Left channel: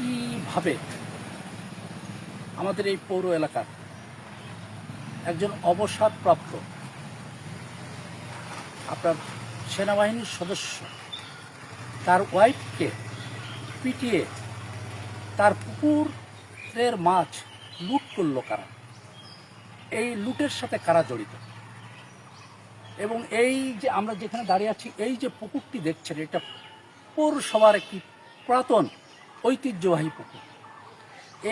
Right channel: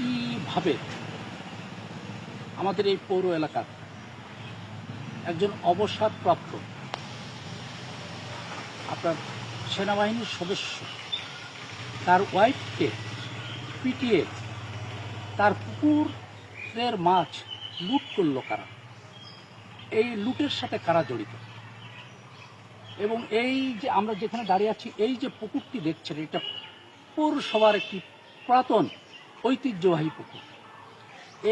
একইভাবে আমাদের এই পৌর এলাকার একজন অবসরপ্রাপ্ত আপনার সেনাবাহিনীর সদস্য তার ওয়াইফকে পিটিয়ে তার পুকুরের মাছ লুট করলো কারা, এই লুটের সাথে কারা জড়িত। এবং এই যে আমরা যেখানে দাঁড়িয়ে আছি, এই যে পুকুরটি দেখছেন, এটা পৌরসভার একটি পুরাতন ঐতিহ্যবাহী পুকুর।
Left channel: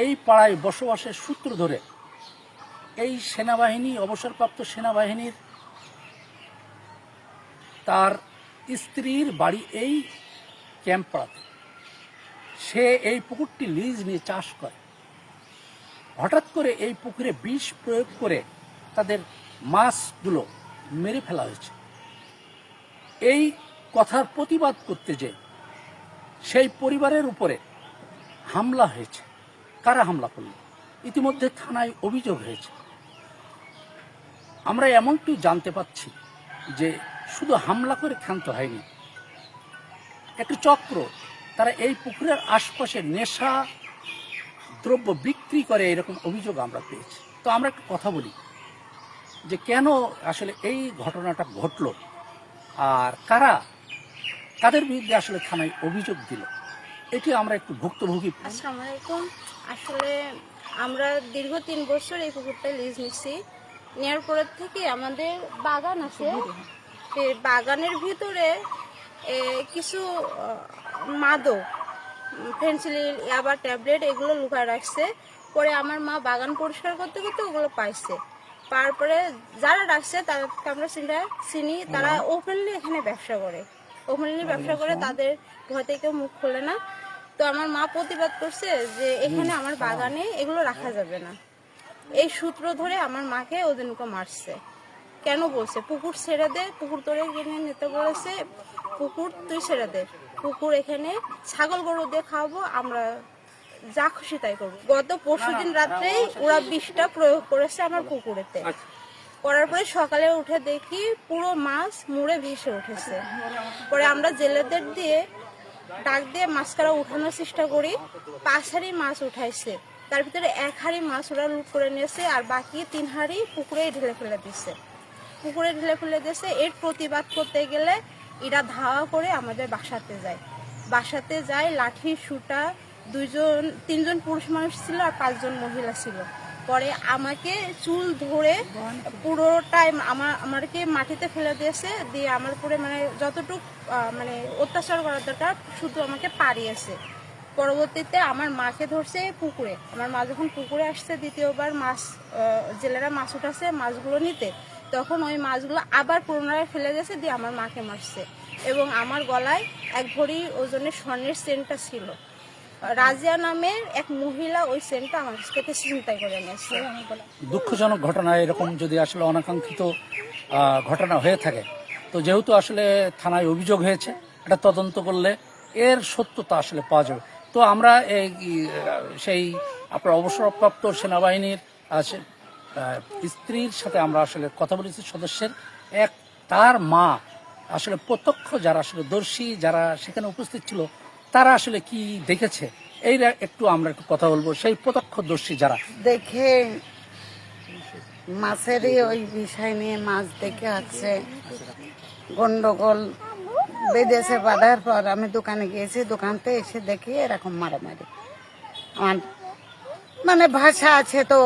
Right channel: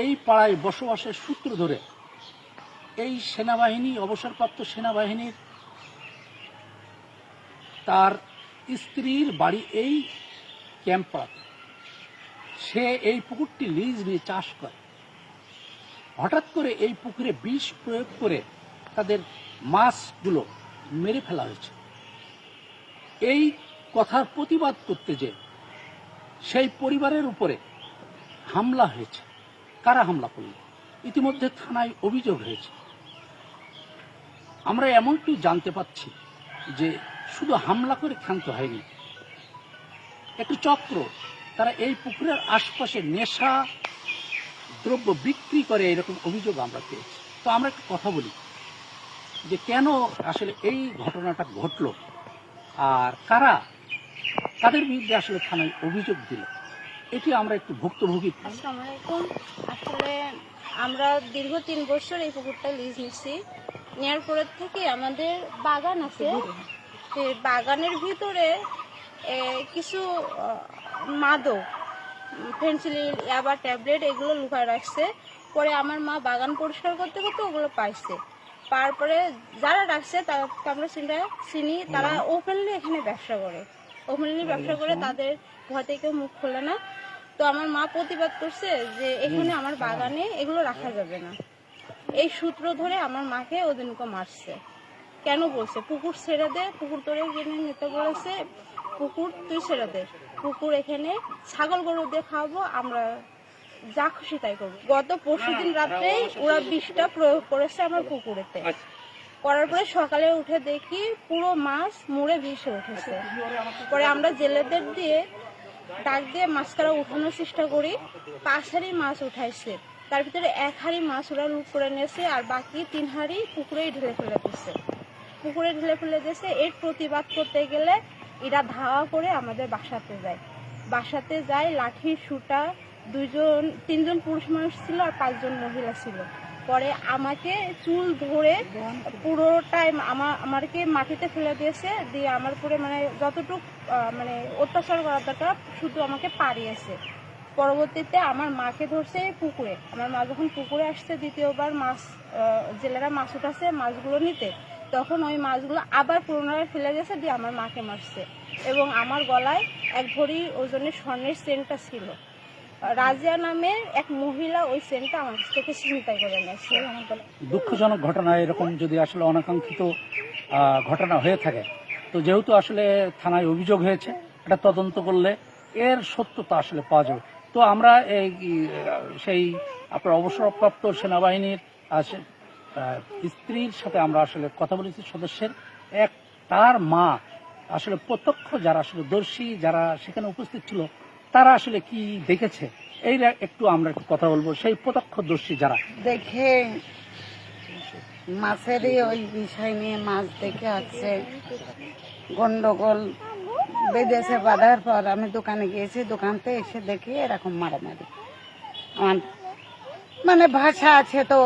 এই পাড়ায় বসবাসের সূত্র ধরে এই সেনাবাহিনী, অবসরপ্রাপ্ত সেনাবাহিনীর তার স্ত্রীর বাড়ি এই ক্যাম্প পাড়াতে। সে এই পুকুরটি লিজ নিয়ে চাষ করে। হঠাৎ করে এই পুকুরে বিষ প্রয়োগ করে তাদের মাছগুলো মেরে ফেলা হয়েছে। এই কথার প্রতিবাদ করতে যে সেই পরিবারের উপরে হামলা হয়েছে। কারা হামলা করল? ইতিমধ্যে থানায় অভিযোগ হয়েছে। আমরা এমনটি জানতে পাচ্ছি যে শুধু হামলা করে ক্ষান্ত হয়নি, একটি চক্র, তারা এই পুকুরের আশপাশে নেশা দ্রব্য বিক্রি করে, এরকম অভিযোগ আমরা পেয়েছি। তো আমরা একটা কথা বলি যে কেন আসলে এই ঘটনাটা ঘটলো, আর কারা কাদের বিরুদ্ধে আসলে থানায় অভিযোগ দিল, এটি আমরা একটু ভুক্তভোগী। আসসালামু আলাইকুম। আসলে আমরা দীর্ঘ 3 বছর এই পুকুরটা লিজ নিচ্ছি। নেওয়ার পরের থেকে আমাদের বাগান আছে, সেই বাগানের ভিতরে কিছু মাদক, ফেন্সিডিল, ইয়াবা, ট্যাবলেট এগুলো লুকায় রাখছে। পরে আমার মা বাগান পরিষ্কার করতে করতে ওগুলো পাইছে। পাওয়ার পরে যারা রাখছে তাদেরকে আমরা চিনি, তারা ওপেনলি এখানে ব্যবসা করে, তাদের ঘর থেকে মুখ খোলে না। তো আমার মা প্রতিবাদ করছে যে এখানে আমার বাগানে এগুলো রাখা যাবে না। এই সূত্র ধরে আমার মাকে ওদিনকে মারছে। কেন বলছে পুকুর ছেড়ে দে, পুকুর তোরে কিনে নিতে বলেছে, পুকুর তুই ছেড়ে দে, পুকুর এখানে ছাগল গরু দিয়ে খাওয়াবো, আমরা যা খুশি তাই করবো। গত পরশুদিন রাত্রেই ওরা বিষটা প্রয়োগ করেছে আমার পুকুরেতে। করার পরে সকালে উঠে দেখি পুরো মাছ মুড়ে ভেসে উঠেছে। পরে আমরা জেলেদের দিয়ে ডাক দিয়ে মাছটা উঠানোর চেষ্টা করি। 5 হাঁড়ি মাছ উঠাইছে, তার ভিতরে 1 হাঁড়ি মাছ ওরা লুট করে নিয়েছে, আর বাকি 3 হাঁড়ি পুকুরেই ঢেলে ফেলে দিচ্ছে। এর প্রতিবাদ করতে গেলে এরা ধাওয়া করে আমাদের বাসাতে যায় লাঠি সুটা, 3জন পুরুষ মানুষ ছিল আর 5 জন মহিলা ছিল। পরে আমাকে চুল ধরে পুরোটাই আমাকে মাটিতে ফেলে দিয়েছে, দিয়ে আমার উপরে মানে যতটুকু মানে অত্যাচার করার দরকার শুধু আমাকে পাড়িয়েছে। পরবর্তীতে আমার মাকে ধরছে পুকুরে। আমার মা যখন পুকুরে আসছে দ্বিতীয়বার জেলেরা মাছ উঠাছে মাছগুলো নিতে, তখন ওই মাছগুলো আবার পুনরায় ফেলে দিয়েছে, দিয়ে আমার মাকে মারছে। এবং আমার গলায় 1 ভরি ওজনের স্বর্ণের চেনটা ছিল। রাজিয়া নামের এক মহিলা ওই চেনটা আমার কাছ থেকে ছিনতাই করে নিয়েছে। দুঃখজনক ঘটনা। এরকম যদি আসলে অনাকাঙ্ক্ষিত ঘটনা হয়ে থাকে, তো যেহেতু আসলে থানায় অভিযোগ হয়েছে, এটা তদন্ত করলে এর সত্যতা আসলে পাওয়া যাবে। তো আমরা সেই আপনার অবসরপ্রাপ্ত সেনাবাহিনীর স্ত্রীর সাথে আমরা আসলে কথা বলেছি, সদস্যের তার মা আসলে প্রত্যক্ষ যারা আসলে দর্শী, যারা সেখানে উপস্থিত ছিল, তারা আসলে কি দেখেছে এইটা একটু আমরা একটু কথা বলবো। সেই প্রত্যক্ষদর্শী যারা দেখে মাছেরই ওই বিষয় নিয়ে মাছ দেখে আছে গন্ডগোল বেঁধেছে। বাঁধার পর আমি দোকানে গিয়েছি, দোকানতে এসে দেখি এরকম মারামারি। আমার মানে ভাষা আছে তো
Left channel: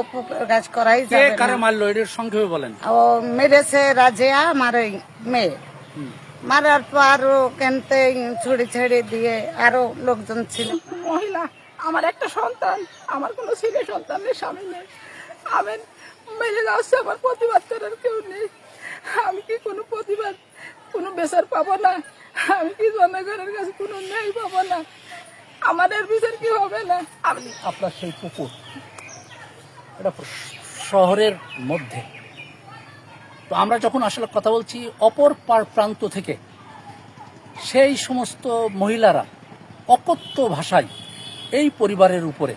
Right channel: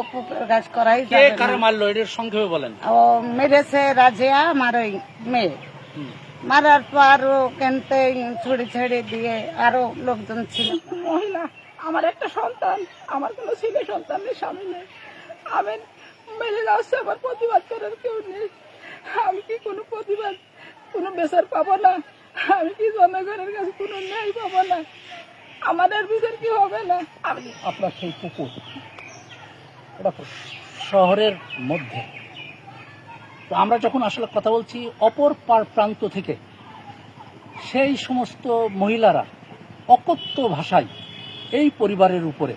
গাছ করাই যাবে না। মারলো এর সংক্ষেপে বলেন। ও মেরেছে রাজিয়া, আমার ওই মেয়ে। মারার পর কেনতে ছুড়ে ছেড়ে দিয়ে আরো লোকজন ছিল। মহিলা, আমার একটা সন্তান, আমার কোনো ছেলে সন্তানের স্বামী নেই। আমি মহিলা হচ্ছে, আমার প্রতিবাদ করার কেউ নেই। আমি কি কোনো প্রতিবাদ, কোনো বিচার পাবো না? আমি কি জনগণের কাছে কোনো ন্যায় পাবো না? আমাদের বিচার কি হবে না? আপনার সেই পুকুর এটা শহরের মধ্যে, তো আমরা যখন আসলে কথা বলছি অপর প্রান্ত থেকে সেই সমস্ত মহিলারা অকথ্য ভাষায় এই পরিবারের উপরে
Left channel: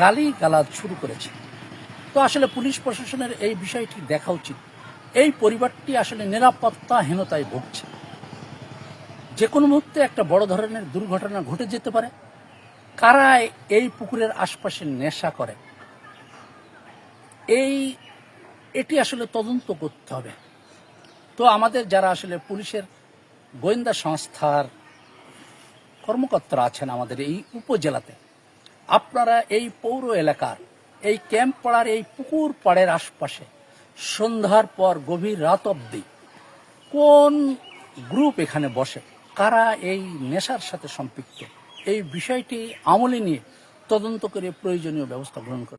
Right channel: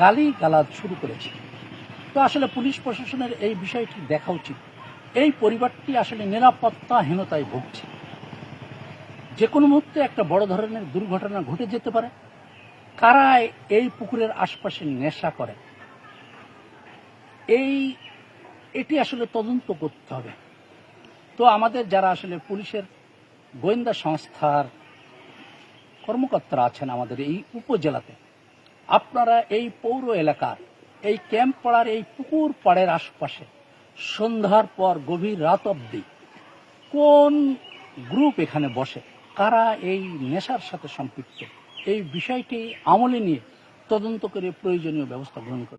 গালিগালাজ শুরু করেছে। তো আসলে পুলিশ প্রশাসনের এই বিষয়টি দেখা উচিত। এই পরিবারটি আসলে নিরাপত্তাহীনতায় ভুগছে। যে কোনো মুহূর্তে একটা বড় ধরনের দুর্ঘটনা ঘটে যেতে পারে। কারা এই পুকুরের আশপাশে নেশা করে এটি আসলে তদন্ত করতে হবে। তো আমাদের যারা আসলে পুলিশের গোয়েন্দা সংস্থার কর্মকর্তারা আছেন আমাদের এই উপজেলাতে, আপনারা এই পৌর এলাকার এই ক্যাম্প পাড়ার এই পুকুর পাড়ের আশপাশে সন্ধ্যার পর গভীর রাত অবধি কোন গ্রুপ এখানে বসে, কারা এই নেশার সাথে সম্পৃক্ত, এই বিষয়টি আমলে নিয়ে তদন্ত করে প্রয়োজনীয় ব্যবস্থা গ্রহণ করে।